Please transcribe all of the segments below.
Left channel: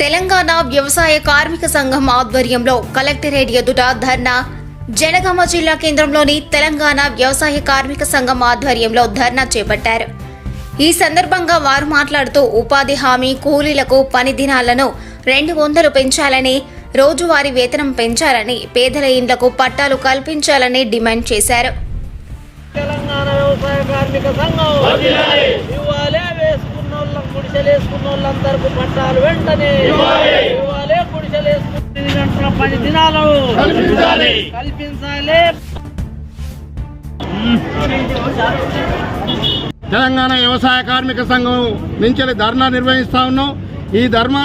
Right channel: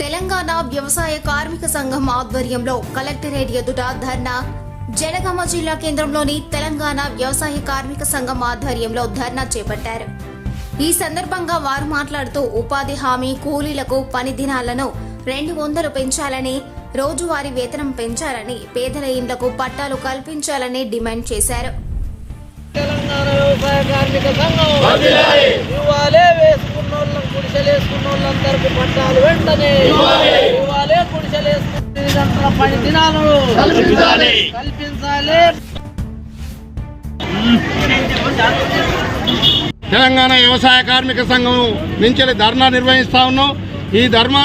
తెలంగాణ వ్యవసాయ కార్మిక సంఘం ఆధ్వర్యంలో కలెక్టరేట్ ఎదుట ధర్నా. జనగామ జిల్లా కేంద్రంలోని తెలంగాణ వ్యవసాయ కార్మిక సంఘం ఆధ్వర్యంలో ధర్నా చేపట్టారు. ఈ సందర్భంగా వారు మాట్లాడుతూ ఉపాధి హామీ కూలీలకు పని దినాలను 200 పెంచాలని, రోజువారీ వేతనం పెంచాలని, పేదల ఇండ్లకు పట్టాలు కల్పించాలని డిమాండ్ చేశారు. తెలంగాణ వ్యవసాయ కార్మిక సంఘం ఇవ్వాలే, వేసుకున్నోళ్ళం గుడిసెలేసుకున్నోళ్ళందరికీ పట్టాలు వెంటనే ఇవ్వాలే, గుడిసెలేసుకున్న 8 గంటల పని దినాలు కల్పించాలి. తెలంగాణ వ్యవసాయ కార్మిక సంఘం నుంచి ధర్నా నిర్వహిస్తూ ఉన్నాం. ఈ ధర్మ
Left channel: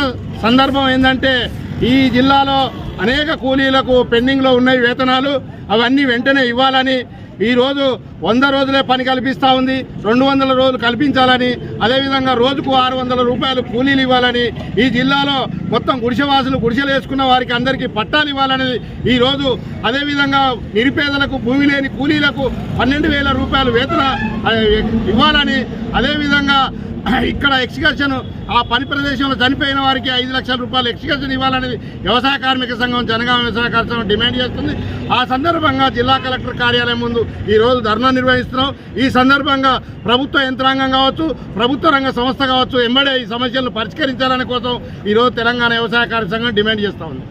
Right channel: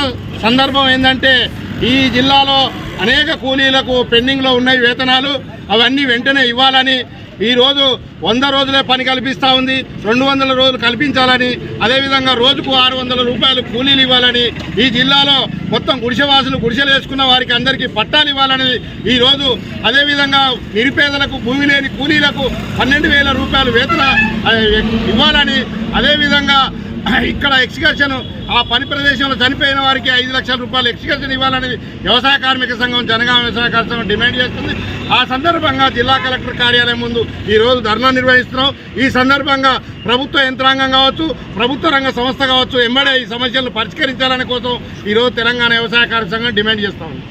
సందర్భం ఏంటంటే, ఈ జిల్లాలో అనేక కూలీలకు పెండింగ్లో ఉన్నాయి వేతనాలు, అవన్నీ వెంటనే ఇవ్వాలని, ఈరోజు 100 రోజులే పని కల్పిస్తూ ఉంది, 200 రోజులు కల్పించాలని, అదేవిధంగా రోజుకు 600 రూపాయలు కూలీలు ఇవ్వాలని, ఈ జిల్లాలో మొత్తం గుడిసెవాసులు గుడిసెలు వేసుకున్న వారికి అందరికీ పట్టాలు ఇవ్వాలని ఈరోజు, అదేవిధంగా నిరుపేదలకు భూమి లేని కూలీలకు 12,000 రూపాయలు వేతన ఇవ్వాలని, అదేవిధంగా ఇక్కడ ఎక్స్కర్షన్ ఆ పని ప్రదేశంలో చనిపోయిన వారికి 5 లక్షల రూపాయలు ఎక్స్కర్షన్ ఇవ్వాలని వ్యవసాయ కార్మిక సంఘం జనగామ వ్యవసాయ కార్మిక సంఘం డిమాండ్ చేస్తుంది. ఆ సందర్భంగా జిల్లా కలెక్టర్ కార్యాలయం ముందు ఈరోజు ధర్నా నిర్వహిస్తున్నాం. ఈ సందర్భంగా ప్రభుత్వ యంత్రాంగం కావచ్చు, ప్రభుత్వ రంగ సంస్థ కావచ్చు, ఎంబడే ఈ సమస్యలను పరిష్కరించాలని కోసం ఈరోజు తెలంగాణ వ్యవసాయ కార్మిక సంఘం డిమాండ్ చేస్తా ఉంది.